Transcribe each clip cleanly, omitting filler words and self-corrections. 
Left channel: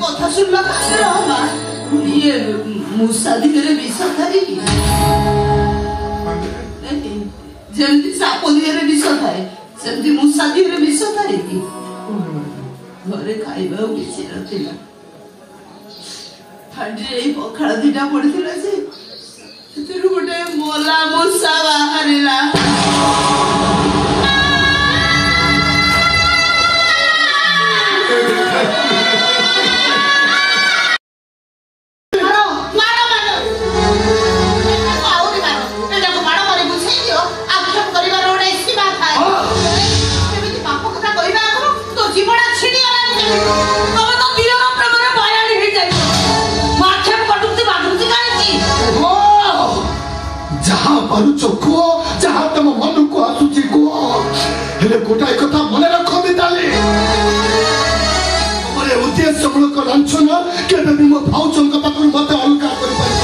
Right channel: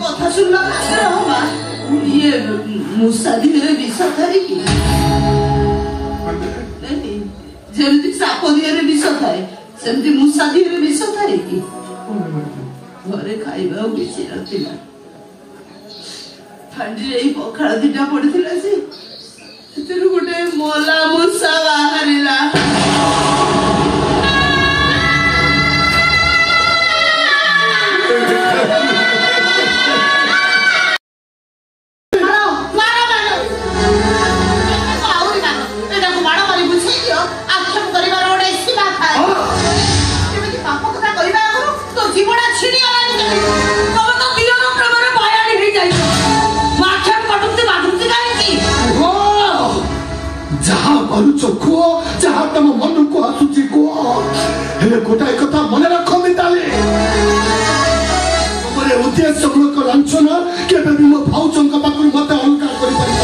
କଥା ଶୁଣିବା କାଶରେ ହବା ଇଏ ମୂଷା ଦିହରେ ବିଷ ଥାଏ କି? ଯେମିତି ସାପ ଦିହରେ ବିଷ ଥାଏ ସେମିତି ମୂଷା ଦିହରେ ବିଷ ଥାଏ କି? ଘରେ ଖାଇବାକୁ କିଛି ନଥିଲା। ଥାଣ୍ଡିରେ ଏଇ ପଖାଳ ଦିଟା ପଡିଥିଲା ଯେ ସେଥିରୁ ଗୋଟେ ମଲା ମୂଷା ବାହାରିଲା। କୁହ ଯାହା ତମ ମନକୁ ଆସୁଛି କୁହ, ହେଲେ ଗୋଟାଏ କଥା ମନେ ରଖ ମିତାଲି, ଉଦ୍ଦେଶ୍ୟ ମୂଳକ ଲାଞ୍ଛନ କେବେ ବି ମୋ ଭାଉଜଙ୍କ ପାଖରୁ ମତେ ଅଲଗା କରିପାରିବ,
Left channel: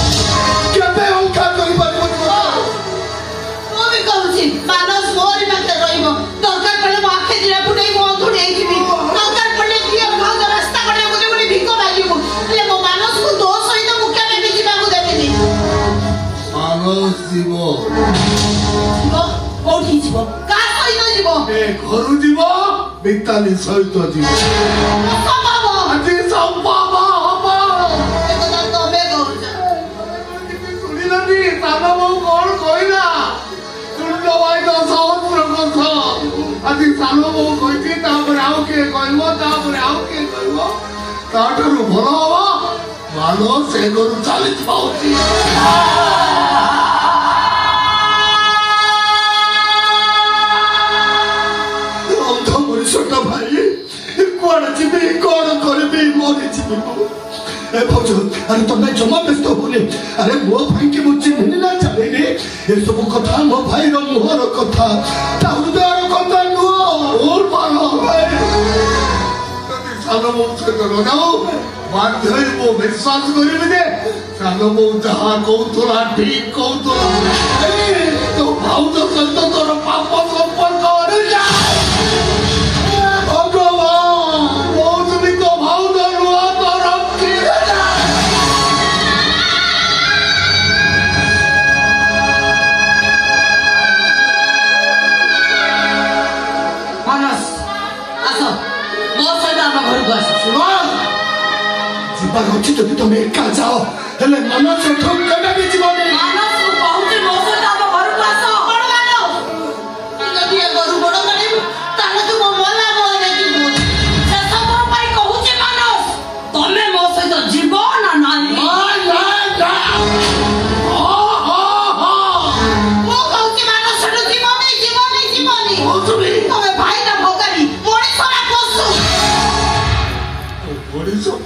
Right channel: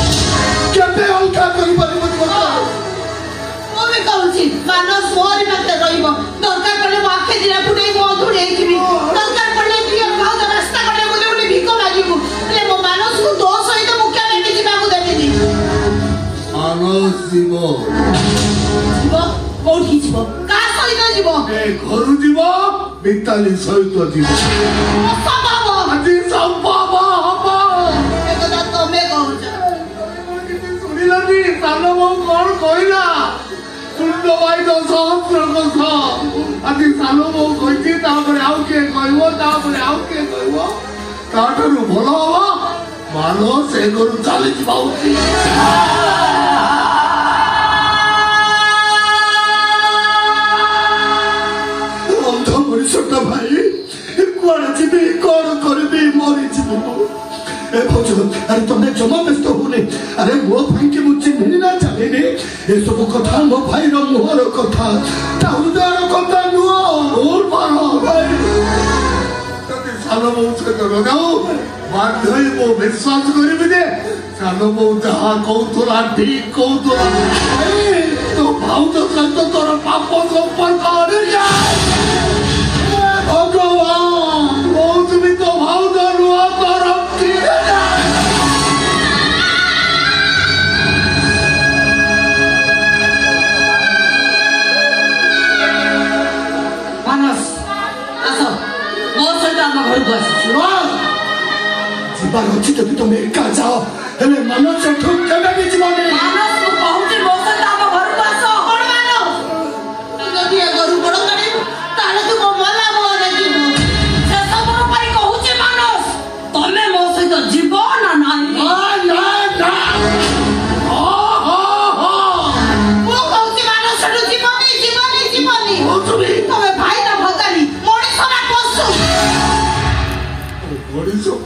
କେବେ ଅଲଗା କରିପାରିବ। ମୁଁ ବି କହୁଛି ମାନସ ମୋରି ପାଖରେ ରହିବ। ଦରକାର ପଡିଲେ ମୋ ଆଖି ଦିଟା ଫୁଟେଇ ମୋ ଅଧୁରି ହେଇଯିବି। ଦରକାର ପଡିଲେ ପ୍ରିୟ ଭାଉଜ ରାସ୍ତା କଡକୁ ଯୋଉଠି ଭିକ ମାଗିବୁ, ହେଲେ ମୋ ମାନସକୁ ତୋ ସହିତ ମୁଁ କେବେ ବି ଯିବାକୁ ଦେବିନି। ମାନସ ଯିବ କୋଉଠି ଯିବ? କାହା ସହିତ ଯିବ? ଘରୁ ଯିବ, ମିତାଲି ସହିତ ଯିବ। ତମେ କହୁଛ ଶୁଣିଲନି ସାନ ବୋଉ କଣ କହିଲା? ଶୁଣିଲ ଭାଇର ସହସ୍ର କଥା। ଆଜି ସାନ ବୋଉ କହିଛି ତାପରେ ଆଉ କିଏ କହିବ, ତାପରେ ଆଉ କିଏ କହିବ, ତାଠାରୁ ଭଲ ହବ ମାନ ସେ ଘରୁ ଚାଲିଯିବା ଉଚିତ। ଭାଇ କୁଆଡେ ଯିବି, କଣ କରିବି, ମରିଯିବି। ଆରେ ତମେ ଜମା ବ୍ୟସ୍ତ ହଉନି। ଆରେ ମୋ ଭାଇକି ମୁଁ ଚିହ୍ନିନି ନା ଜାଣିନି। ଏସବୁ କଥା ମୋ ଭାଇର ମୁହଁର କଥା, ତା ହୃଦୟର କଥା ନୁହଁ। ଯଦି ସାନ ବୋଉ ସହିତ ଲଗାଉ ବାଧ୍ୟ ମୁଁ ବିଶ୍ୱାସ କରିବି ଯେ ସାନ ବୋଉ ଯାହା କହୁଥିଲା ଠିକ କହୁଥିଲା। ତୋ ଭାଉଜ ସହିତ ତୋର ପାପ ସମ୍ପର୍କ ଯିବାର ଅଛି। ଯଦି ତମେ ଏକା ଯାଅ, ହେଲେ ମନ ସେଠୁ କେବେ ବି ଯିବନି।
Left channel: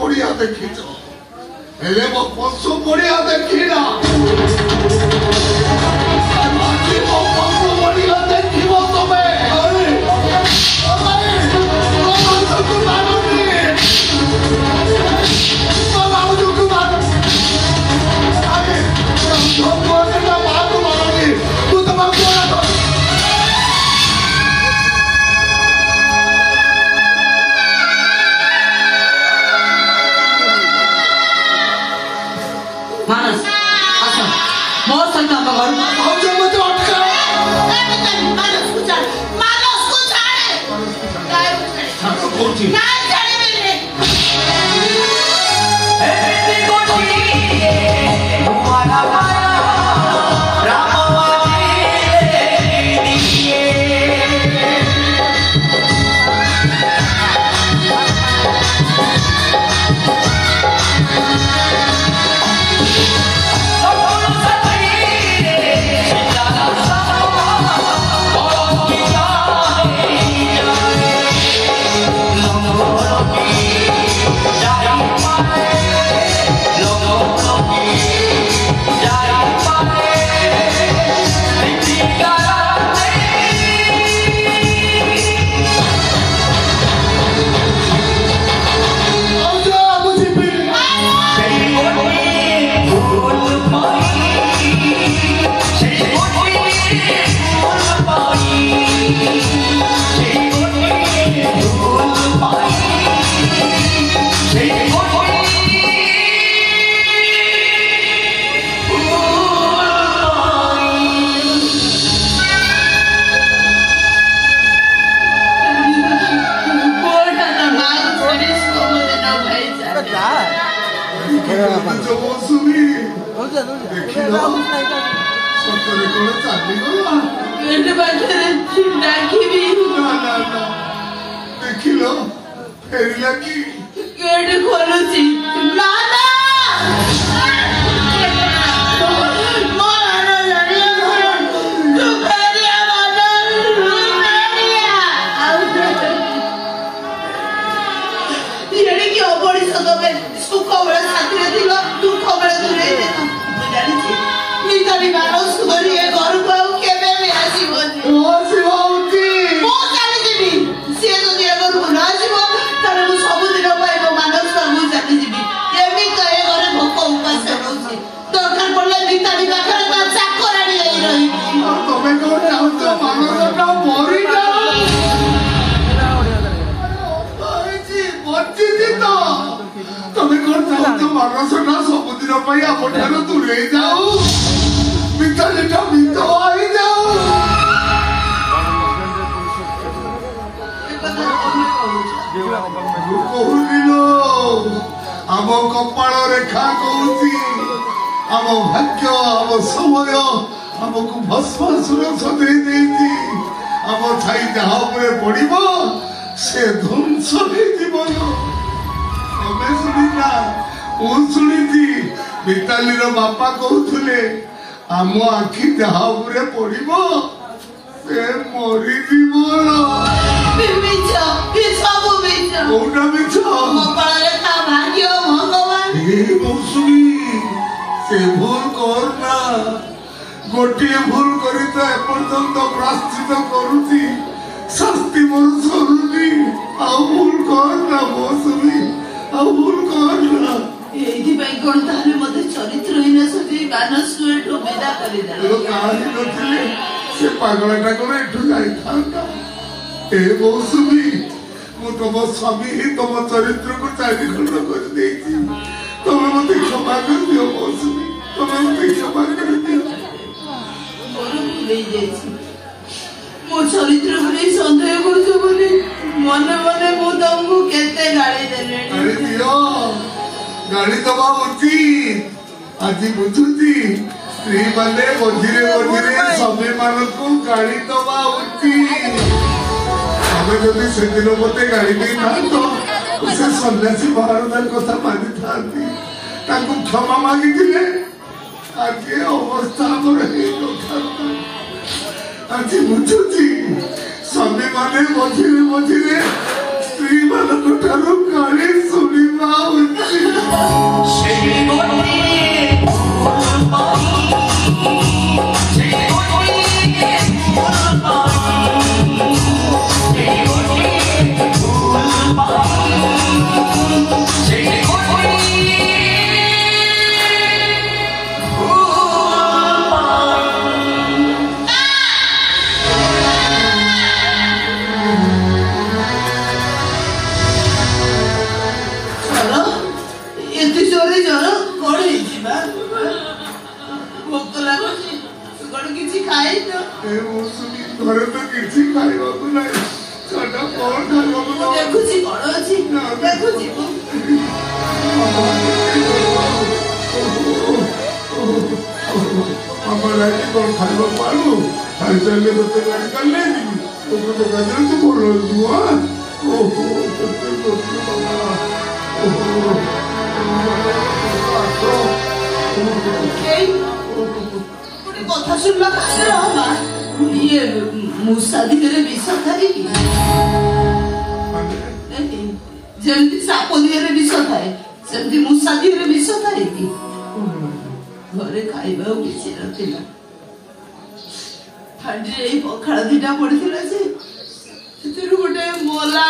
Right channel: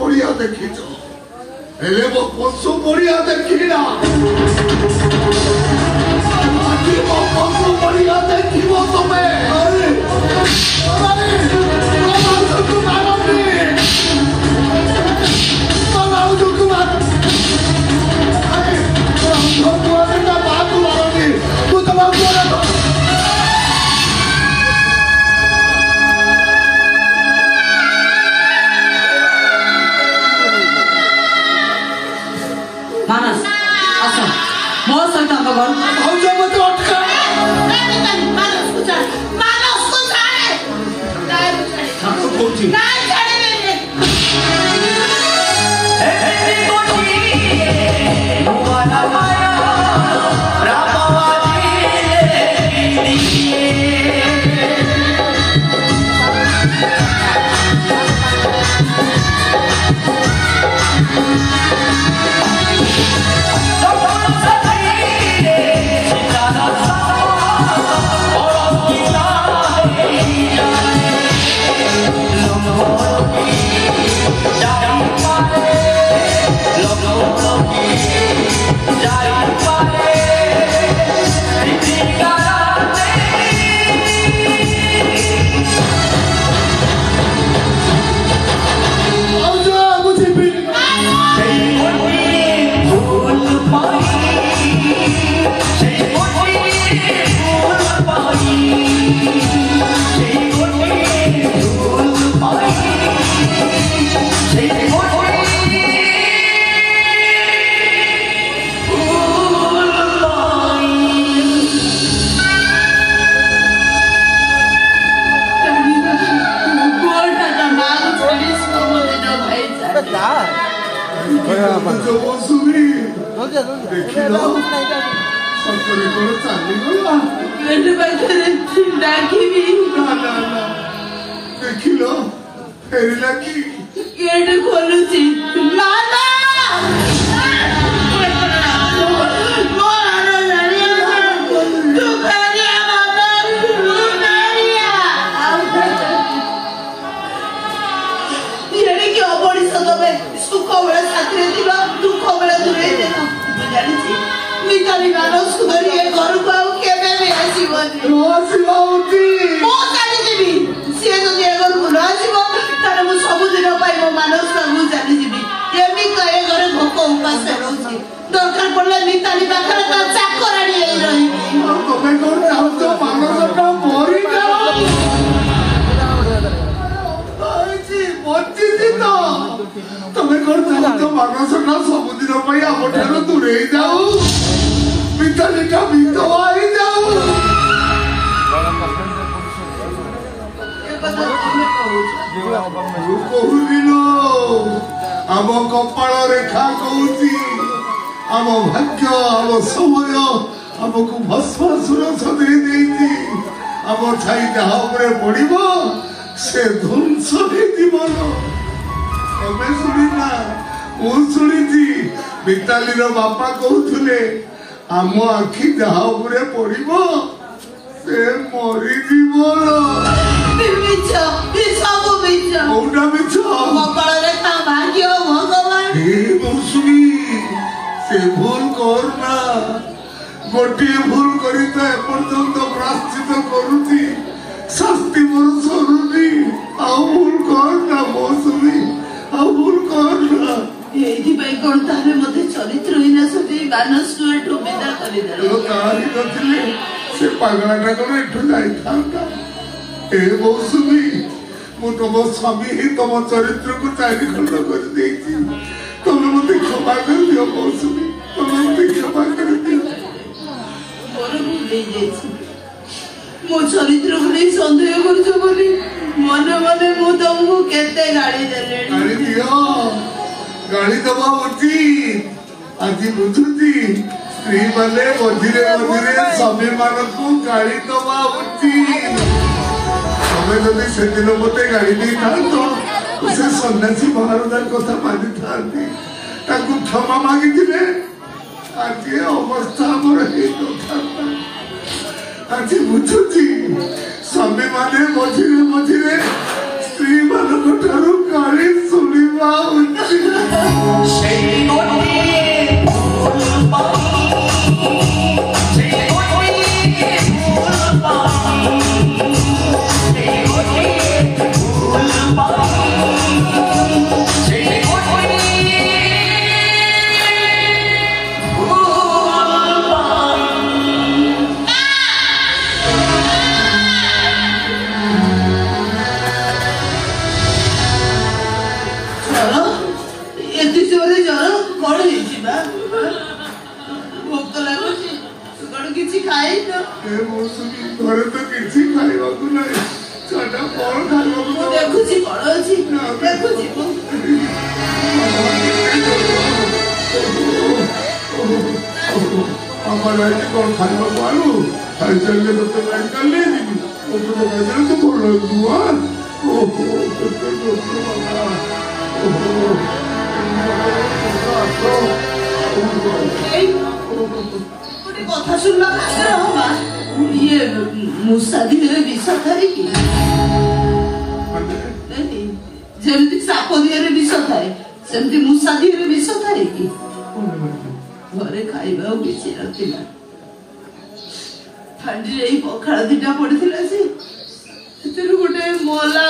ପଡିଆ ଦେଖିଛ, ହେଲେ ମୋ ପଶୁ ପଡିଆ ଦେଖିନା। ମୋ ପଶୁ ପଡିଆ ଦେଖିବ ତମେ। ମାନସ ଆସ ମୋ ସହିତ ଆମ ଘରକୁ ଆସ। ସତରେ କଣ ଚାଲିଗଲା? ଗେଟ ପାଖରେ ଡାକିବି। ଦେଖିଲ ଫେରିଲା କି? ଗେଟ ଖୋଲୁଛି। ସୁଖ ବେଳେ ସାଥିରେ ଥିଲ, ଦୁଃଖ ବେଳେ ଦୂରେଇ ଦେଲ। ମୁଁ ଜାଣିଛି ମିତାଲି ମାନ ସୁଧରି ଏ ଘରକୁ ଆଉ କେବେ ବି ଆସିବନି। ମୁଁ ଚାଲିଯିବି। ସିଏ ଯଦି ଏ ଘରକୁ ନ ଆସିବ ତାହେଲେ ମୁଁ ସବୁଦିନ ପାଇଁ ମୋ ମାନସ ମୁଁ ଚାଲିଯିବି। ଏମିତି ଏ ଘରେ ଭୋକ ଉପାସ ରହୁଛି। ଦରକାର ପଡ଼ିଲେ ମିତାଲି ପାଖରେ ତା ଚାକରାଣୀ ହେଇ ରହିବି। ତମେ କଣ ଚାହୁଁଛ ମାନସଟା ମରିଯାଉ? ବଞ୍ଚିଛି ତ। ତମେ କଣ ଚାହୁଁଛ ମାନସଟା ସବୁଦିନ ପାଇଁ ଆମଠାରୁ ଦୂରେଇ ଯାଉ? ମିତାଲିଟା ବିଧବା ହେଇଯାଉ? କହୁନି ଆମ କପାଳ ରେଖା କହୁଛି। ଆମ ଭାଗ୍ୟ, ଆମ ସମୟ ଆମକୁ ଭସ୍ମାସୁର ସଦେଇ ଦେଇଛି। ଆମ ଛାଇ ଯାହା ଉପରେ ପଡିବ ସେ ଧ୍ୱଂସ ହେଇଯିବ। ତମେ ଶୁଣିନା? ମୁଁ ଶୁଣିଛି। ମିତାଲିର ବାପା କହୁଥିଲେ ଆମ ଆଖି ଯାହା ଉପରେ ପଡିବ ସେ ମରିଯିବ। କୋଉଟା ମିଛ? ମୌସୁମୀ ସେ ଭୁଲ କରନା। ଗୋଟିଏ ଭୁଲ କରି ତ ଏପର୍ଯ୍ୟନ୍ତ ପ୍ରାଶ୍ଚିତ କରୁଛି, ଶାସ୍ତି ମୋର ସରୁନି। ଆଉ ଭୁଲ କରନା ମୌସୁମୀ, ଆଉ ଭୁଲ କରନା। ଏଇଥିପାଇଁ କଣ ତାହେଲେ ମତେ ଚରିତ୍ରହୀନ ସତେ ମାନସକୁ ଏଠୁ ବିଦା କରିଦେଲେ? କାହାରି ନଥିଲେ ସେ ପାଗଳାଟା କଣ ଏଠୁ ଯାଇଥାନ୍ତା? ଏ ମୌସୁମୀ, ମୁଁ ତମ ସ୍ୱାମୀ ହିଁ ତମ ଚରିତ୍ରକୁ ଚାରିଖଣ୍ଡ କରିଦେଇଛି। ତମେ ମତେ କ୍ଷମା କରିଦିଅ ମୌସୁମୀ, ତମେ ମତେ କ୍ଷମା କରିଦିଅ। ମୋର ଭୁଲ ହେଇଯାଇଛି। ମୋ ଚରିତ୍ରକୁ ନେଇ ସନ୍ଦେହ କରୁଛ ବୋଲି ମନେ ମନେ ମୁଁ ତମକୁ କେତେ ଗାଳି ଦେଲେଣି। ଗାଳି ଦିଅ, ଗାଳି ଦବା ଉଚିତ। ଆଜି ବୁଝୁଛି ସ୍ତ୍ରୀ ମାନେ ମଝିରେ ମଝିରେ ସ୍ୱାମୀ ମାନଙ୍କୁ ଗାଳି ଦବା ଉଚିତ। ତମେ ଯଦି ସେଦିନ ମତେ ଗାଳି ଦେଇଥାନ୍ତ ସେ ସନ୍ନ୍ୟାସୀ ମହାରାଜାର କଥା ମାନିଥାନ୍ତି, ତାଙ୍କୁ କ୍ଷମା ମାଗିଥିଲେ ଆଜି ଅବସ୍ଥା ଆମର ହେଇନଥାନ୍ତା। ଆଜି ବୁଝୁଛି ସ୍ୱାମୀ ମାନେ ମଝିରେ ମଝିରେ ସ୍ତ୍ରୀ ମାନଙ୍କ ଠାରୁ ଗାଳି ଶୁଣିବା ଉଚିତ। ଘରେ ତ କିଛି ଖାଇବାକୁ ନାହିଁ, ସେଟା କଣ ଖାଇବାକୁ? ଦେଖୁଛି କଣ ଅଛି, ଦେଖୁଛି। আমার কল খাইବାକୁ ଆଳୁ ଖାଇସାରିଲେ ଗୋଟେ ମେଡିକାଲ ନେଇଯିବି। ଓଷଧ ଖାଇଦେଲେ ତ ଭଲ ହେଇଯିବ। ଓହୋ କେତେ ଲୋକ ଗଲା। ଗୋଟେ କଥା ଶୁଣିଲା କାଶରେ ହବା ଇଏ ମୂଷା ଦିହରେ ବିଷ ଥାଇକି ଯେମିତି ସାପ ଦିହରେ ବିଷ ଥାଏ ସେମିତି ମୂଷା ଦିହରେ ବିଷ ଥାଏ କି? ଘରେ ଖାଇବାକୁ କିଛି ନଥିଲା। ହାଣ୍ଡିରେ ଏଇ ପଖାଳ ଦିଟା ପଡିଥିଲା ଯେ ସେଥିରୁ ଗୋଟେ ମଲା